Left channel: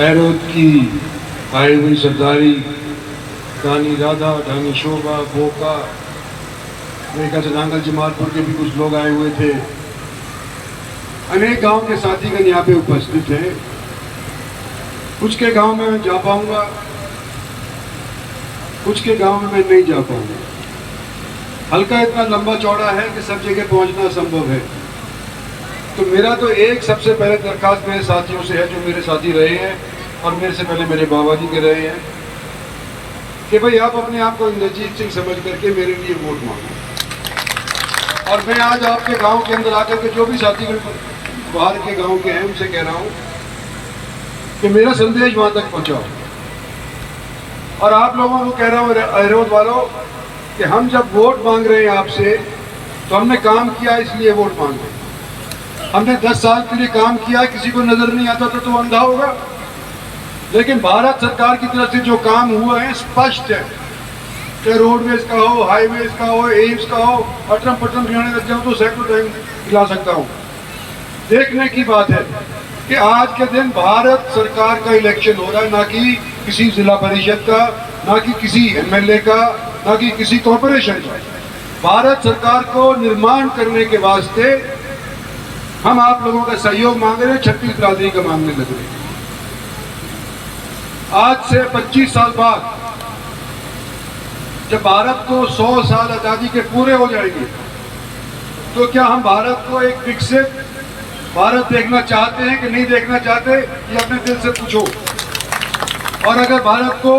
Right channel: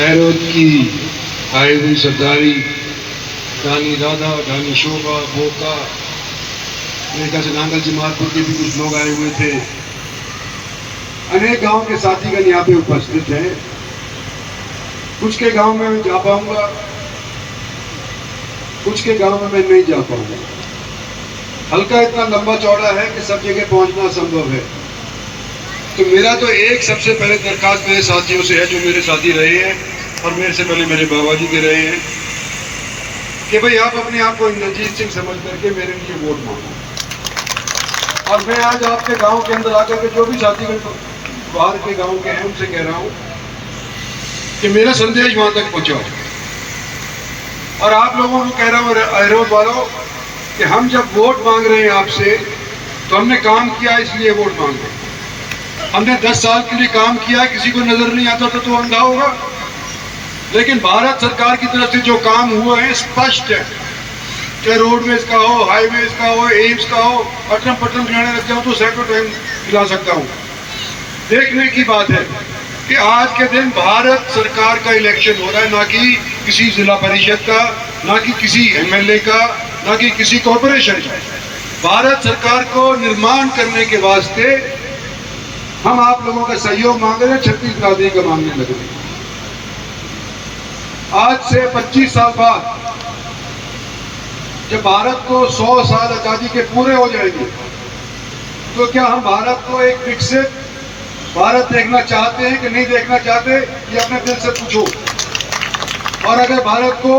एरोद की आई हुई सरदारी, रानी राधा, रानी शोभा, बोका, मेरे ख्याल से नांगल जमालपुर के भी कुछ लोग आए हुए थे। अनेक गांव के साथीगण यहाँ पे उपस्थित हैं। कुछ के गांव में मैं जा पाऊंगा, कुछ के गांव में मैं नहीं जा पाऊंगा। हल्का इतना लंबा चौड़ा है कि सब जगह पहुंचना संभव है। तो मेरा तो एक सबसे पहले दरखास्त मेरे साथियों से है, जो मेरे साथी रहे हैं और मेरे से पहले मेरे बाबा जी के रहे हैं, कि भाई आप अपने आप को इंद्रजीत सिंह समझ करके मेरे लिए वोट मांगो। और मैं आज आपके गांव के अंदर आकर के जो भी साथी बाहर के गांव के हैं उनसे कह रहा हूं कि मेरा संदेश वहां तक पहुंचाओ। और आप लोगों को कह रहा हूं, एरोद वालों, कि हम जब वोट मांग रहे हैं आपसे, तो हमने काम किया इसलिए वोट मांग रहे हैं। हमने 10 साल के लिए काम किया, किसी को नजर नहीं आता तो अंधा होगा। लेकिन भारत सरकार की तरफ से जो काम हुआ है स्पष्ट है, चाहे रोडवेज का हो, हाईवेज का हो, एम्स का हो, अटरम पटरम जाने लग जाऊं तो सैकड़ों टाइम दिला सकता हूं। देखने की बात है कि आज के दिन भारत सरकार का इलेक्शन हो रहा है, ना कि किसी जिला परिषद का, ना कि किसी एमएलए का, ना कि किसी कॉरपोरेशन का। भारत सरकार को निर्माण करने के वास्ते हम आप लोगों का सहयोग मांग रहे हैं, 36 बिरादरी का मांगने लग रहे हैं। आज से 25 साल बाद जब भारत को 100 साल आजादी के पूरे हो जाएंगे, तो क्या हम भारत को एक विकसित भारत देखना चाहते हैं कि नहीं देखना चाहते, ये अपने दिल से पूछो। और अगर भारत को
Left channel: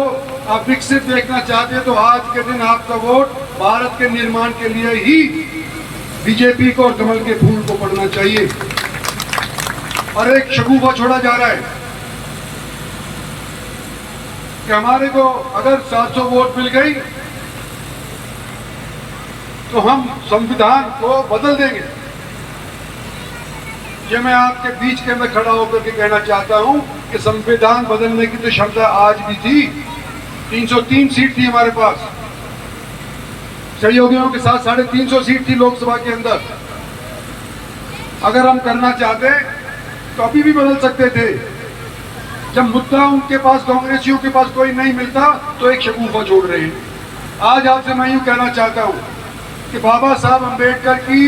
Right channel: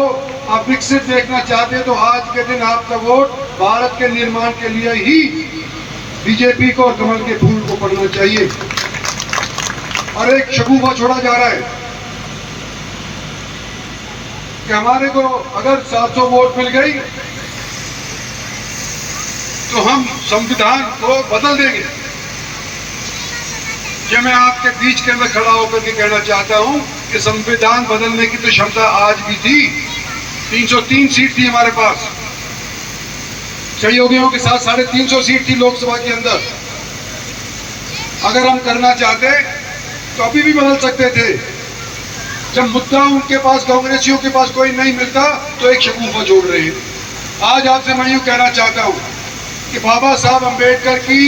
आप विकसित देखना चाहते हैं तो आज के दिन आपका वोट भारत के निर्माण के लिए ही बीजेपी को और कमल के फूल को पढ़ना चाहिए। और एक शगुफा छोड़ा जा रहा है कि हमारे को अगर 700 वोट मिल गई तो हम संविधान को बदल देंगे। ये मैं आपके बीच के अंदर खड़ा होकर के कहना चाहता हूं कि संविधान बदलने की तो क्षमता आज भी थी। 303 सीट थी हमारे पास, सहयोगियों के साथ 350 सीट थी लोकसभा के अंदर। अगर हम करना चाहते तो अभी भी बदल सकते थे। जब मुद्दा उनके पास, कांग्रेसियों के पास कोई नहीं मिलता, तो एक शगुफा जोड़ रहे हैं। आज आपसे मैं यूं कहना चाहता हूं कि बाबा साहब अंबेडकर की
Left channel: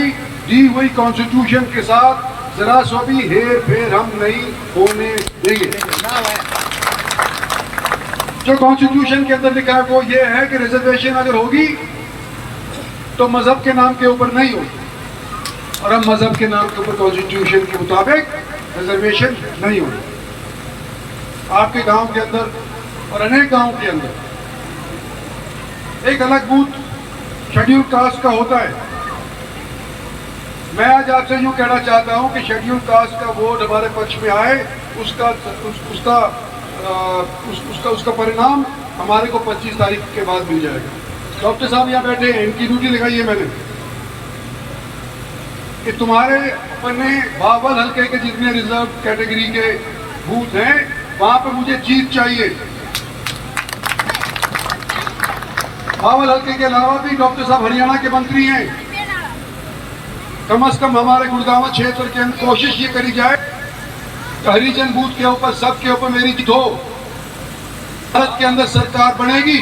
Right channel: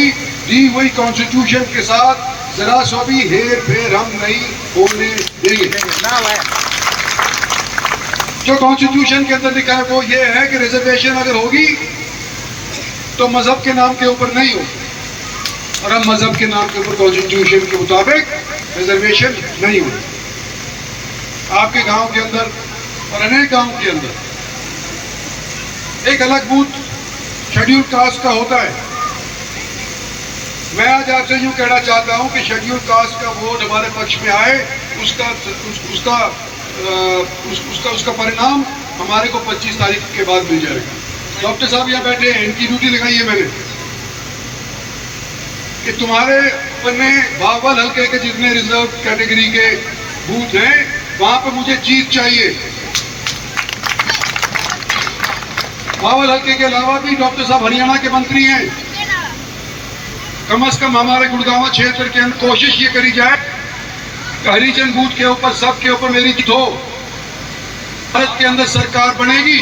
दी हुई कॉन्स्टिट्यूशन के साथ जरा सो भी हेर फेर हम नहीं होने देंगे। जो कॉन्स्टिट्यूशन के अंदर लिखा है वो ये है कि रिजर्वेशन अगर होगी तो मजहब के नाम के ऊपर नहीं होगी, और हम मजहब के नाम के ऊपर कॉन्स्टिट्यूशन के मुताबिक रिजर्वेशन नहीं होगी। आपके गांव के अंदर और अनेक गांव के अंदर एक अलग बूथ शेड्यूल कास्ट का होता है। मैं आज आपसे यूं कहना चाहता हूं कि शेड्यूल कास्ट का वोट हमारे पक्ष में आए, उसका परिणाम हमारे को 25 तारीख के बाद मिल जाएगा। डॉक्टर साहब यहाँ बैठे हैं, इनकी ड्यूटी लगाई है मैंने कि तुम्हारे अपने बावल हल्के के जितने रिजर्व कैटेगरी के बूथ हैं वहां पर मुझे जीत चाहिए। बावल हल्के के अलावा भी डॉक्टर साहब हरियाणा के मंत्री हैं। कम से कम हमारे गुड़गांव क्षेत्र के अंदर कोशिश ये करी जाए कि हरिजन बूथ के ऊपर, सबके ऊपर मेरी जीत हो। भारत के अंदर सरकार बनेगी,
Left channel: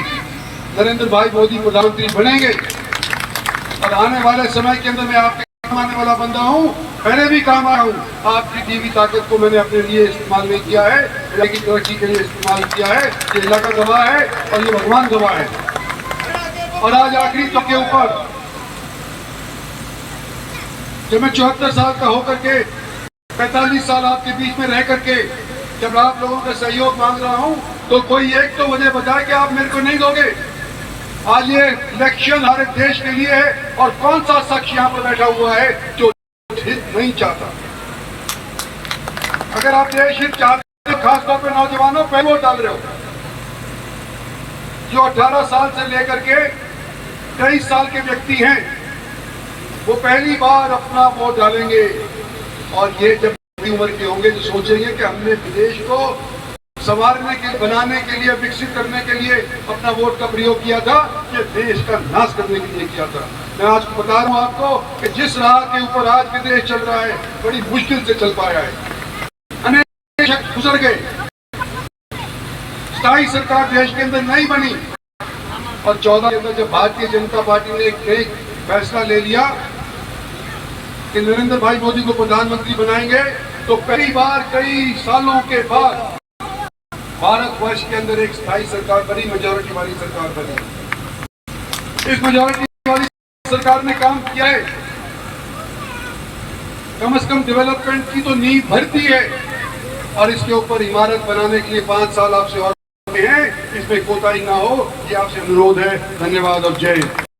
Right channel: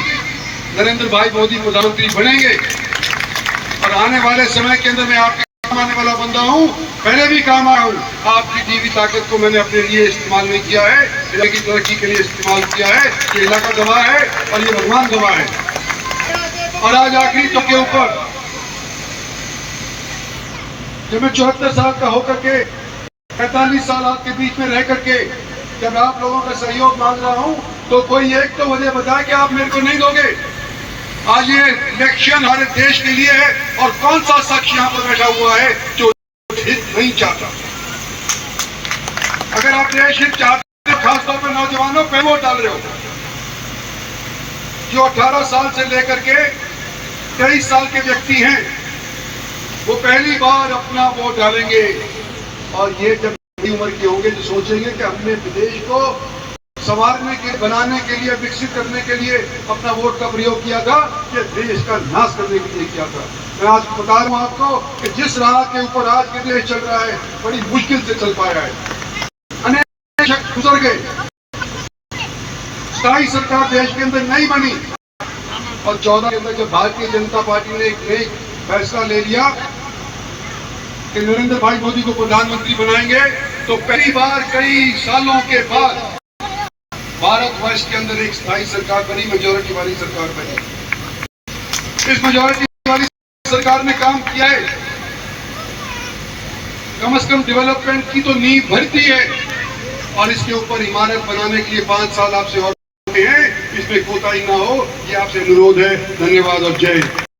नरेंद्र भाई मोदी प्रधानमंत्री बनेंगे, और आने वाले समय के अंदर मैं आपके काम आने वाला बंदा हूं। पहले भी काम आया हूं। आपकी दी हुई ताकत को मैंने अपने लिए इस्तेमाल नहीं किया है, इलाके की तरक्की के लिए इस्तेमाल किया है। ये इलाका गवाह है और ये भगवान गवाह है। और आज आखिरी तो के ऊपर जब मैं 74 साल का होकर के 45 साल आपके बीच में रह करके जब आप लोगों का सहयोग मांग रहा हूं, तो कोई एक तो वजह बताए कि आप मेरे को नहीं दोगे। आज ये इलेक्शन हमारे देश के लिए है, और कौन सा शख्स यहाँ पर बैठा हुआ है जो हित नहीं चाहता। अगर आप देश हित चाहते हो, खासतौर पर नौजवानों पे वोट डाल रहे हो जो 18 साल से लेकर के 23 साल के व्यक्ति हैं, वो पहली बार अपना वोट डालेंगे। और ये जब बड़ी उम्र के होंगे तो सोचेंगे कि हमने देश को संवारने के, बनाने के लिए, विकसित करने के लिए अपना वोट का प्रयोग किया था, कि देश का नाश करने के लिए किया था। मैं आज बता रहा हूं आपको कि जिस राह के ऊपर आज के देश चल रहा है, बड़ी मुश्किल से चल पाया है। अनेक शख्स गुजर गए, स्थायी सरकार देश के अंदर नहीं बनी। और 14 के अंदर जब भारतीय जनता पार्टी ने एक फैसला ले लिया कि नरेंद्र भाई मोदी को प्रधानमंत्री बनाएंगे, तो पहली बार कई सालों के बाद भारतवर्ष के अंदर एक स्थायी सरकार बनी, मेजोरिटी वाली सरकार बनी। इस मेजोरिटी वाली सरकार ने काम किया है, कम से कम डेवलपमेंट की तो नींव भरती है, और इसके ऊपर इमारत बनाने के लिए 5 साल आपसे और हैं, इसमें कोताही ना हो, ये आपसे अनुरोध है। धन्यवाद और जय हिंद।